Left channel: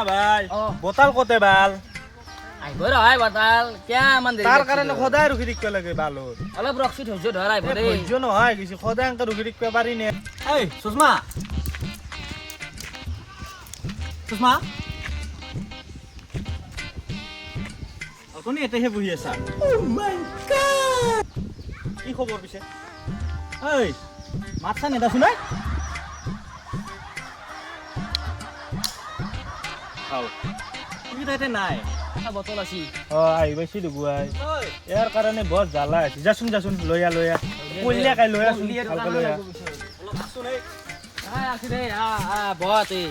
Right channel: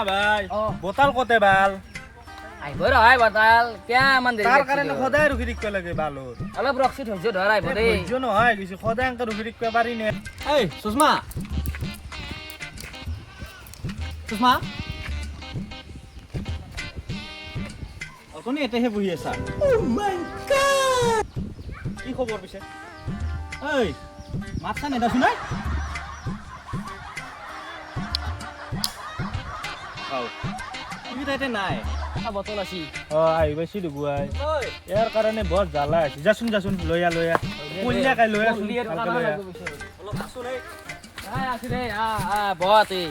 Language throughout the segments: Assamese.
সুষমা ভাই বতাল কতে বাল আইব ৰহাই বতাল কিমান দেৰি তাৰ কাৰণে সদায় ৰখি থাকিব লাগে বালৰ অলপ ৰখি ধৈৰ্য ধৰ আইব দেই ধৈৰ্য নহয় কিছু সদায় এনেকে ৰখি থাকিব পাৰি নে এই সুষমা সুষমা আপুনি এতেহে বহি আছা কি খবৰ পিছে ঐ মাতছা নেদাছো নাই তুমি তাতে নাই এটা বটল আছে আহি পাইছি দুগুৱাই ইয়াৰ কাৰণে বৰ জ্বালা আছে যাচোন যাচোন লৈ আ কইনা কাই লৈ আছোন ভালকে লৈ আ অলপ আছো নাই আছে দেই বহাতে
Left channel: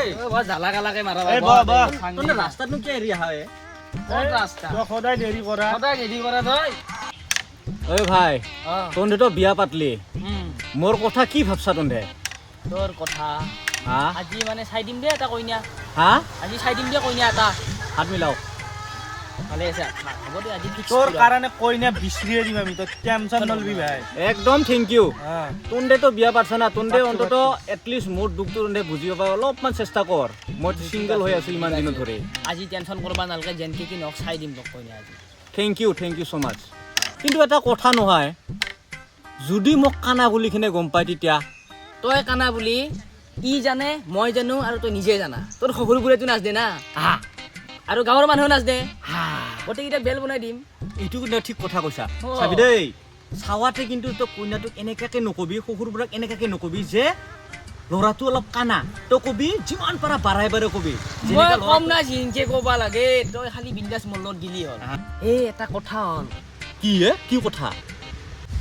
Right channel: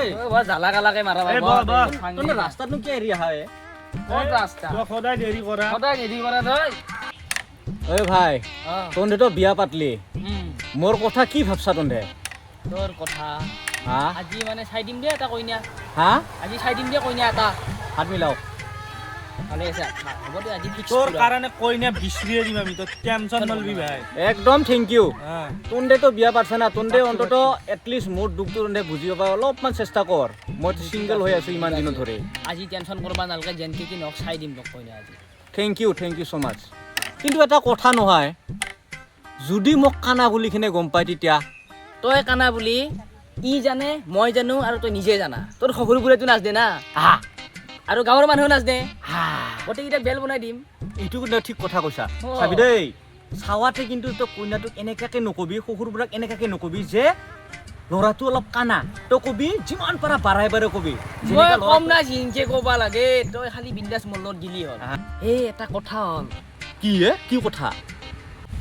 এই বৰ জ্বালা কালাকে মাৰাবা এই বহ বহ তহঁতে ৰাস্তাতনো কিয় এৰি আহা ক'ত ৰাস্তা তই সদায় দেৰি কৰা সদায় হেৰি কৰা তই ঐ ভাই তহঁতে তো বিয়া পাতলি উম মোৰ কথা কি ভাবছা তহঁতে তোৰ কথা হা আজি মানে চাই দিম দে এটা কইনা হা আজি চাই দিম দে কইনা এটা হাত মিলাও ভালে আছে হ'ব দে আজি ফিক্স তোৰ কাৰণে কইনা বিচৰিয়ে দিম আমি তই টেনচন নলবি ভাই একদম থেংক ইউ হ্যাঁ তহঁতে তো বিয়া পাতছা না তহঁতে অন্তত এটলিষ্ট মোৰ দুখটো তহঁতে বুজিব পাৰ অলপমান চেষ্টা কৰ মই চিংগল হৈ আছো ইমান দিন ধৰি আজি টেনচন কৰবা নালাগে যেনকে কি নক চাই দিম তোক কইনা আজি থেংক ইউ ছ' মাছ কিন্তু এটা কথা নহয় যদি মোক কানা বুলি কিনে গম পাই তেতিয়া তই কানা বুলি ই জানে মই জানো আৰু তই নিজে জানা তোৰ শহুৰবোৰেতো নাচ দে না আৰু গাঁৱৰ মানুহেও নাচ দে গোটেইকেইটা বেল বনাই দিম এইটো কিন্তু ঠিক কথা কৈছা অ। চাবি দেই চাৱাতে কিন্তু তই কইনাটোক এনেকাকে নকবি শহুৰবোৰক এনেকাকে নকবি যে ল'ৰাটো অলপ কানা তই কবি যিমান পাৰা বাঢ়াই বাঢ়াই কবি মই যেনেকা কম ল'ৰাটো- না জিনকে ক'বা লাগে তই খালি বিন্দাছ মোৰ লগত গিলি হ'ল এই এটা কথা হ'ল কি কথা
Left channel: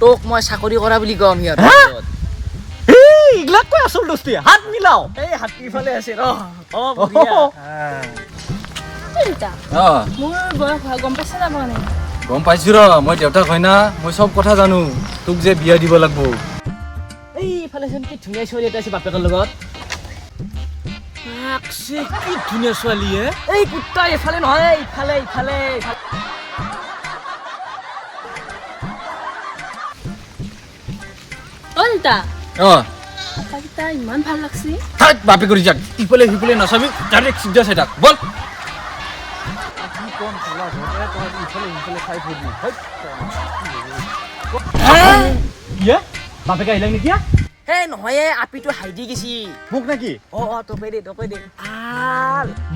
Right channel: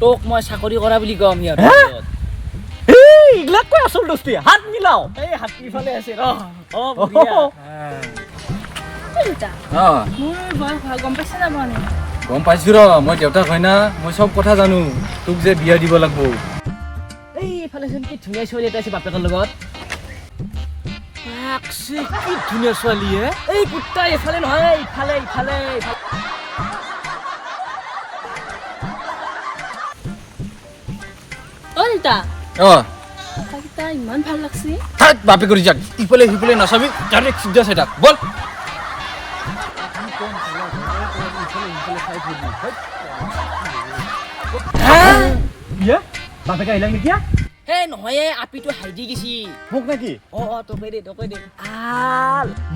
তোক মই চাকৰি কৰা বুলি কম সিহঁত এইগিলাক কৈ আচল দোস্তি হাত মিলাও এই হাতী ফালে আছে ৰ মোৰ বয়স হয় গম পাইছে যাব নে গম পাইছো ৰ মই দেউতাক হয় না মই চব কথা জানো তোক যে বিয়া দিব লাগব এইফালে চোন কি ধুনীয়া ছোৱালী এটা আছে বাপেকৰ লগত কি ধুনীয়া ছোৱালী হে এই কুত্তা এইফালে নহয় ইফালে ইফালে অল্টা অ আকাশটা ইমান ভাল লাগছে থাক বাপে কৰি যাক ইফালে সিফালে নাচাবি ডাইৰেক্ট চিধা চাই থাক বল বাপেকে আহিলা নেকি এই নহয় আপিটো হাইদি গেছি মোক নেকি তপে দে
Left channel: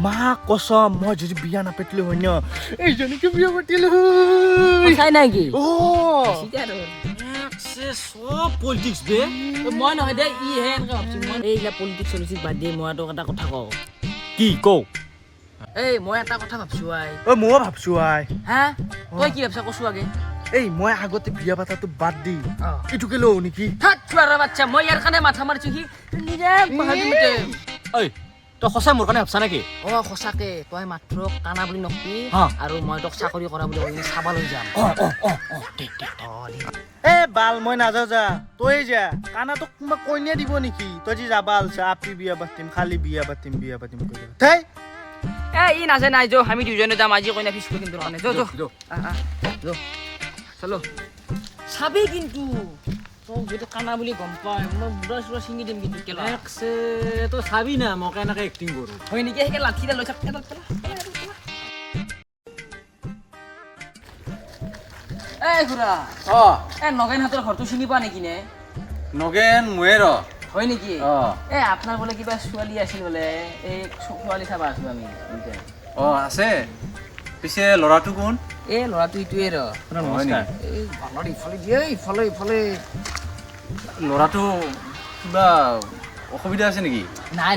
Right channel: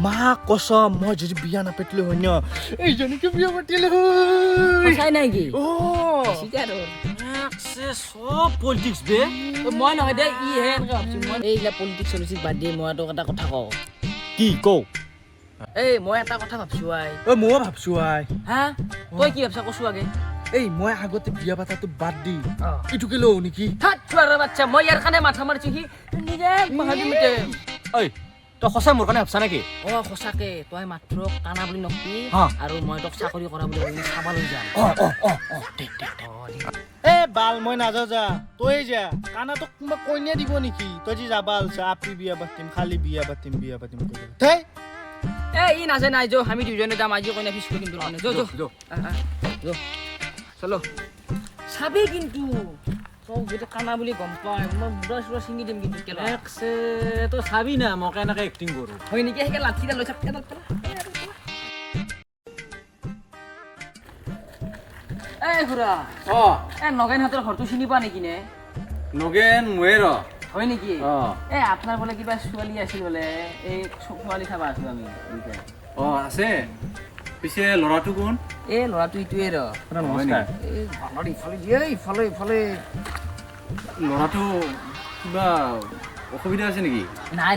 মা কসম মই যদি বিয়া নাপাতিলো হয় ন এইজনীকে বিয়া পাতিলো সঁচাই নাই কি অ সব পলিটিক্স বে মই নহয় দে ই হে এনেকে ভাবছো মই এইবিলাক পলিটিক্স চলিটিক্স বাদ দি মই তোক এটা কথা কওঁ কি কও এই মই এটা কথা ভাবছো আই ঐ ময়ো ভাবছো আই হা তই কি ভাবছা কছো আগে এই মই আগতে বিয়া পাতাটো বাদ দি এইটোকে লওঁ নেকি থাক চোৱাৰ বাচ্চা মই ইয়াৰ কাৰণে মাথা মাৰিছো সি নিজে মহাদিমতে ঐ তই সঁচাই মোৰ কাৰণে ভাবছা নেকি সঁচাকে তই মাত্ৰ কানা বুলি নকবি হা। আৰু মই তোক চাকৰি কৰা বুলি কৈ চাবা লৈ যাম এ বাল মই নাযাওঁ যা তই যা কানাটোক কোনোবা কইনা দিব নেকি তই যে যাবা আলছা আপি বিয়া পাতিম খালি বিয়া পাতিম কৈ থাই ই নাজে নাই যো আমি দুজনে যাম আজি কইনা ফিক্স কৰিম তোৰ কাৰণে যো চলো চাবি কিন্তু তোক যদি কানা বুলি গম পাই মই বুঢ়া চুৰা ছিঙি দিম কিন্তু কেলা তই চাবি না মই কেনেকে এক্টিং কৰো হয় নেকি সেইকে লাঠিডাল লৈ থাক কেলা এই খুৰা নগেনহঁতৰ ঘৰটো চিনি পোৱা নেকি নে নগেন ময়ে ৰ হয় নেকি অ আপোনাৰ বোলে কিবা ছোৱালী আছিল বোলে এই ছোৱালী চাবা আছো আমি দুইটাই অ আছে পিছে ল'ৰাটো কোন এই ল'ৰাটো ইটোৱে ৰ নমস্কাৰ এই বানৰ ইফালে দিয়ে ইফালে ল'ৰাটো কিবা অসুবিধা আছে নেকি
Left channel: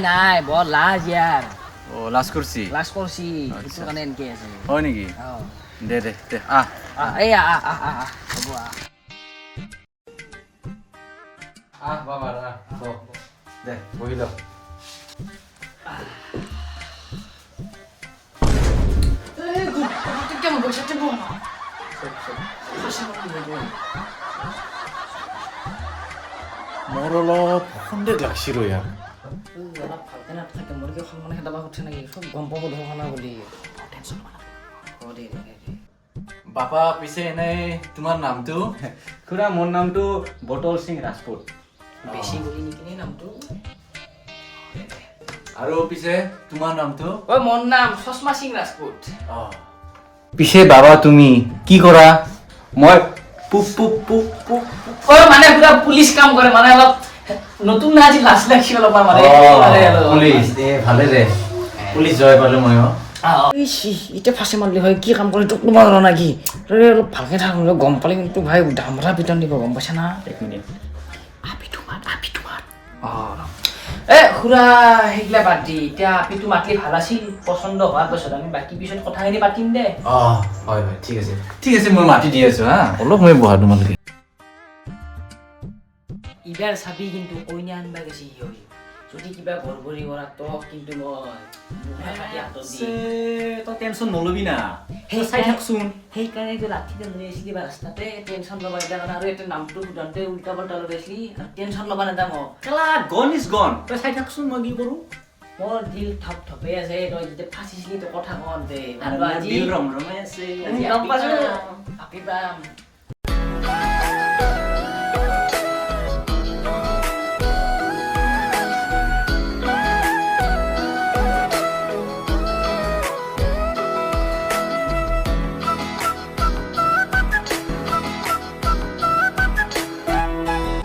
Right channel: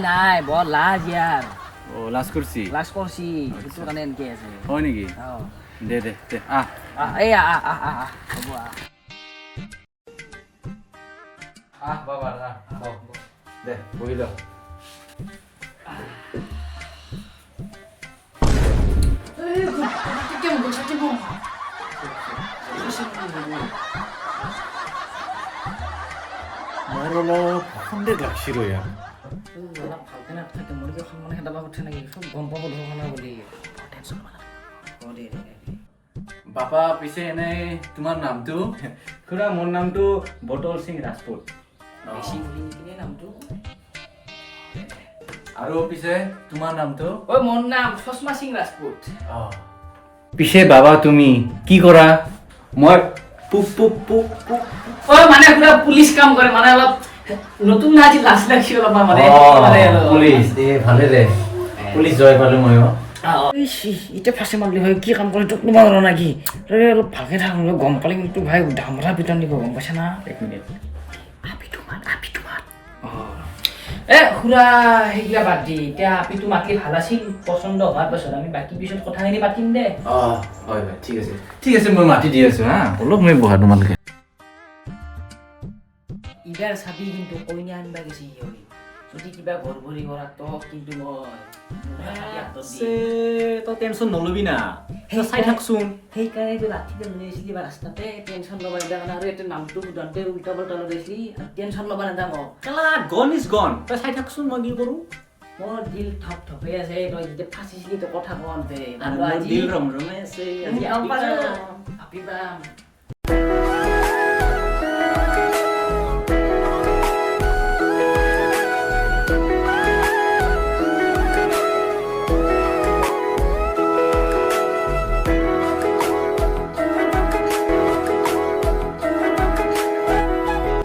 নাই বৰ লাজ ইয়াৰ অ লাজ কৰিছি লাজ কৰছি সেইটো কাৰণে এনেকে আছে হয় নেকি দে আহ এই হ'ব বাবা দে বহি ল মোৰ অলপ সন্দেহ লাগছি ৰ ইয়াৰ অলপ ভালকে নাথাকে মোৰ কি সন্মান হেঁটাবা উঠে নেকি চব গম পাব ধৰখানা বুলি টেনশ্যন ল'ব নালাগে বাপা পিছে এনেই তোমাৰ নামটো খুৰা মোৰ নামটো বটল সিং ৰাজপুত বেছি বুলি নেকি নামটো আৰু পিছে তোমাৰ নামটো ঐ মোৰ নাম চশমা সিং ৰাজপুত পিছে বাবা তুমি কি কৰা মই ঐ মানে পুৰা পুলিচ কাম কৰে মানে অলপ নতুন না আজি লাজ লাগছি অলপ মানে পুলিচ ভালে দে পুলিচ জয় পালো মই এতিয়া ফাঁচি মাৰিলি হয় কি কাম কৰি তোক তোমাৰ জানা কি তই অলপ ভালকে থাক গম পালে কিন্তু ভাই ডামৰা পিটন দিব গম পাইছা না এক মিনিট আপিটো মাত এ খুৰা সেইগিলা বাদ দি এতিয়া আপিটো মাতলি ভাল আছিল পচন্দ হোৱাৰ পাছত আমি বাকী পিছত কথাখিনি পাতিম দে হয় হয় ঠিক আছে মই মাতি দি আছো হা অলপ মই বহা তোমালোকে ইদাৰ চাবি কিন্তু কইনা আনবা গেছি সিহঁত যদি কিবা গড়বড়ি কৰা তক কিন্তু তই টেনশ্যন নলবি না চাই থাকচোন সেইকাৰণে ৰাতিতে লৈ আহিছিলি বা ৰাস্তাতে টেনশ্যন ল'বা নিদা কাৰণে আৰু এতিয়া নামটো সোধাওঁতে উল্টা পাল্টা লগাইছিলি টেনশ্যন ল'বা নিদা মোক কেলা গন ইজ গন তই চাই থাকচোন মই কি কৰোঁ মোৰ দিল থপ থপে আছে তই যেতিয়া ফাঁচিছিলি তই কথা কওঁতে আৰু মোৰ দিল ৰমৰমাই আছে আজি গম পালোঁ আপিবা। আপিবা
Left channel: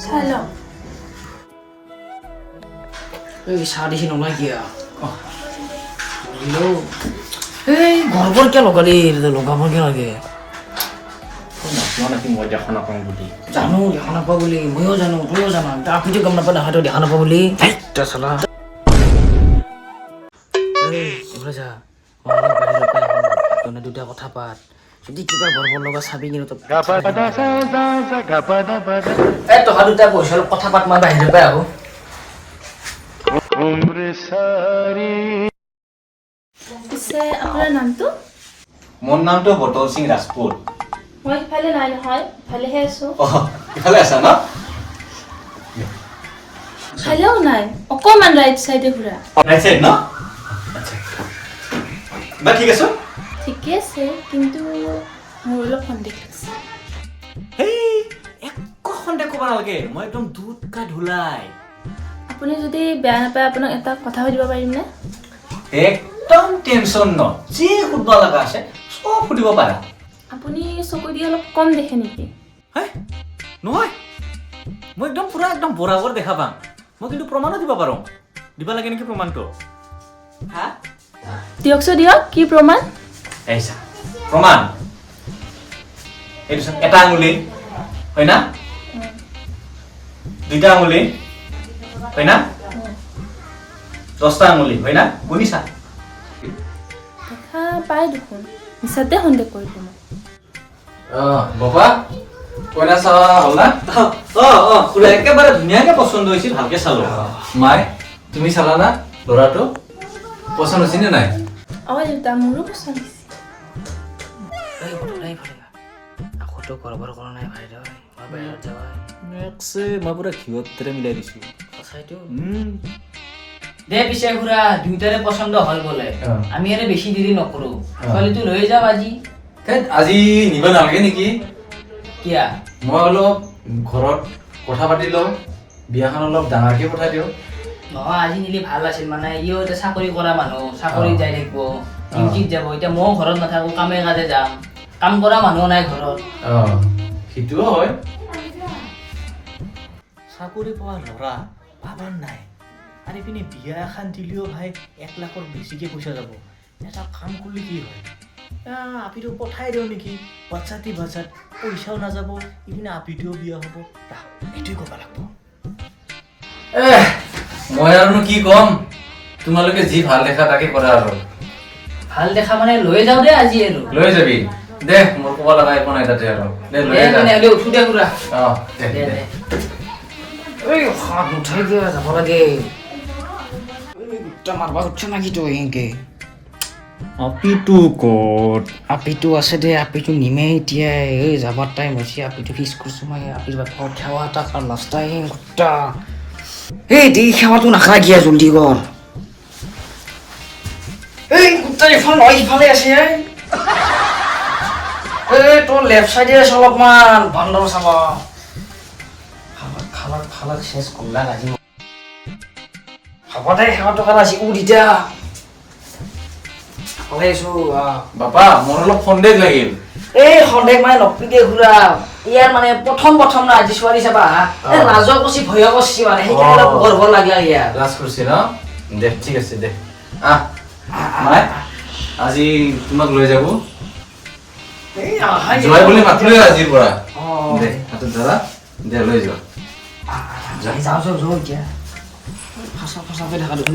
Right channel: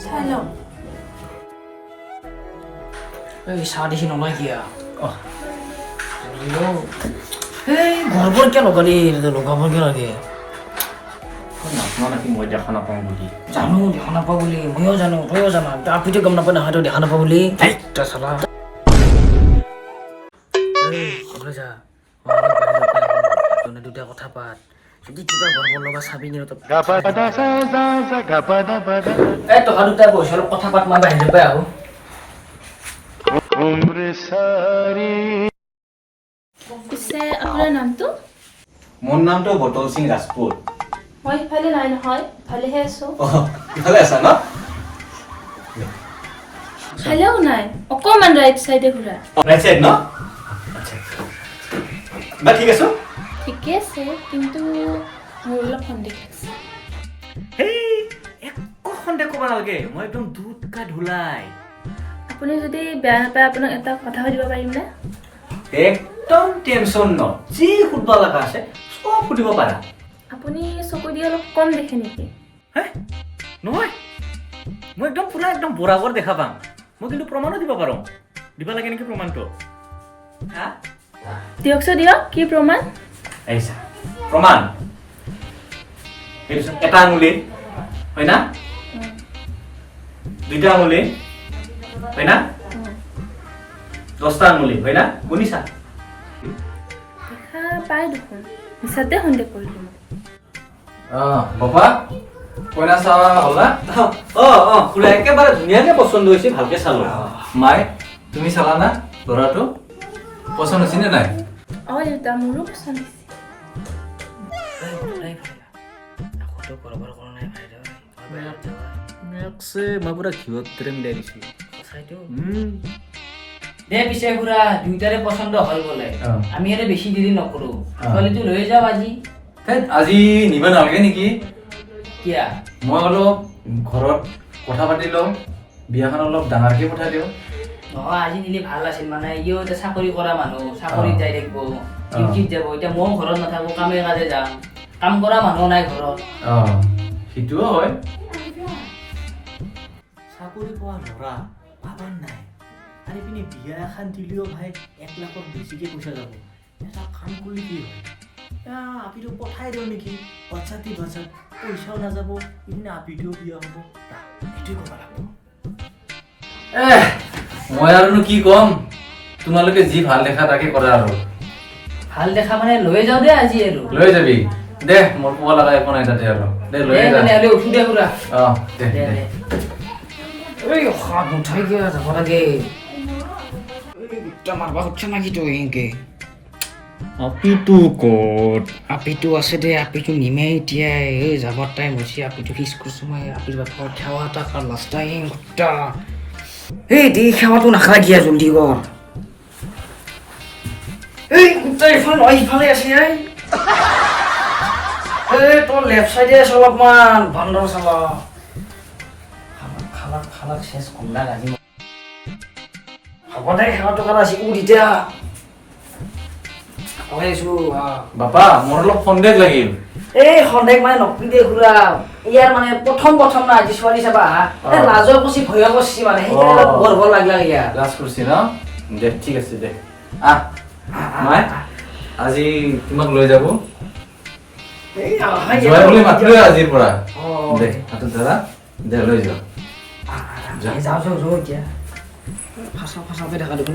Salam. এই চাহ দেখি নলয় কিয়া এই গৰ্বৰ কিয় লগালি লগাব কিয় লাগে নাকি মই দেখা নাপাওঁ বুলি জানো দেখা নাপাওঁ বুলি ময়ো জানো তয়ো জানা আপিটো গম নাপায় নহয় তই দেখা নাপাওঁ বুলি চলা দুটা কথা পাত যদি কিবা গৰ্বৰ লগা চাবি কিন্তু তহা দুটা বহি অলপ কথা পাত মই বাহিৰৰ পৰা আহোঁ পিছে আপোনাৰ নামটো? মোৰ নামটো বটল সিং ৰাজপুত মই ইফালে নাই নহয়, ইফালেহে আছো। ইফালে আছা ন ইফালেও নাই, অকণমান ৰাইট চাইডে ঘূৰা। ৰাইট সাইড ন বা ঠিক আছে ঠিকে আছে, কিন্তু মোৰ অলপ সন্দেহ আছে। হেই একো সন্দেহ ক'ব নালাগে মই একদম দুধ কা ধুলাই আপুনি যদি বেয়া নাপায় আপোনাক এটা কথা সুধিব পাৰিমনে? একদম টেনশ্যন ন যি সুধিব লগা আছে চব সুধিব পাৰা আপুনি চকু দি অলপ কম দেখে নেকি? হে নহয় মই একদম পুৰা একদম বৰাবৰ দেখা পাম মই কিন্তু প্ৰমাণো দিব পাৰোঁ দিব লাগে নেকি প্ৰমাণটো হা দিয়কচোন দিয়ক, কি প্ৰমাণ? এইছা প্ৰমাণ এইটো এটা আঙুলি হয় না দুটা আঙুলি হয় না 10টা আঙুলি হয় না শুনিছা দেখা পাই দেখোন, মিছাতে সন্দেহ কৰিলো মই। বাবা কইনা চাৱা হ'ল না খুৰা একেবাৰে ধুনীয়াকৈ পচন্দ হৈছে ভালকৈ চালোঁ মাই তুমি চালা না ল'ৰাটো পচন্দ হৈছে নে নাই দেউতা মোৰো পচন্দ হৈছে। আকৌ গৰ্বৰ কৰা নাই ভাই মই পুৰা ঘিউত দৰে মিলাই দিছোঁ দে পিছে খুৰা দুইটাৰে পচন্দ হ'ল বোলে অ। আমি আৰু বেছি দেৰি নকৰো ছোৱালীটো লৈ যাওঁ আজি আজি নিব নালাগে নেকি কিয়া মই অলপ ঘৰত কথা পাতি লওঁ বিয়াখন অলপ ডাঙৰকৈ পঠাই দিওঁ নহয় আজি নিলে ভাল আছিল মানে ইও এতিয়া চাকৰি কৰা মানুহ চাকৰি যাই থাকিব ডিউটিত যাব এতিয়া ময়ো ঘৰত নাথাকো কামে কাজে যাম কাম কৰা মানুহ নাই ঘৰত সেইটোও হয় চাকৰি পোৱা ল'ৰা ভাবাৰ নাই আৰু পিনে বিয়া এখন দিলেও ভাই 1 লাখৰ বেছিকৈ পইচা যাব এটা কাম কৰি কি হয় আপিটো পঠাই দিওঁ নেকি বাচ্চাটি বাচ্চাত পইচাও নাযাব ইপিনে আপিটোও বিয়া হ'ব এইটোৱে ক'ব লাগিব মই আৰুনো কি ক'ম তোমালোকে যি ভাল দেখা তাকে কৰা আৰু ভাল দেখা মানে লৈ যাওঁ দে আজি আৰু লৈ যাবি দে মোৰ ক'ব লগা একো নাই তাতে আৰু দে লৈ যা তেনেহ'লে উঠো দে খুৰা দে দে এই হাত উঠাই দিয়া যাব লাগে মাৰবা উঠছে নাকি তই এনেকে আপিটো ক'ত আপিটো আছে দে আপিটো নিমে এতিয়া এই যাবৰ টাইম হৈছে আপিটো ফিক্স কৰিছো মই আপিৰ ঘৰত সেৱা এটা আৰু লাষ্ট টাইম গোটা এই দেই সেৱাটো নাখাগিয়া জলদি কৰ এই গোটা ইফালে আছে এই তোৰ লেফ্ট চাইডে আছে অলপমান বান্দৰ চাবা খালা চেঞ্জ কৰলা আজি হ'ব দে সেৱাটো কাৰণ আজি উৰিতা ওলাইছো বাপা মোৰ অলপ সন্দেহ লাগিল এই সন্দেহ মানে নকপিকে ঘূৰা ইয়াৰ মানে প্ৰথম না আজি ছোৱালী চাবা লাজৰ কচি ভয় কচি মানে সেইকাৰণে অলপ গৰ্ব লাগলা ইয়াৰ লাজ কৰিছে ন দে ঠিক আছে দে আহ মাই আজি তোমাক লৈ যাব জয় বুলি মাতিলোৱে আজিৰ পৰা দে হাতত ধৰা দে লৈ যাওঁ যাওঁ এতিয়া ফচাকৈ দেখা দেখোন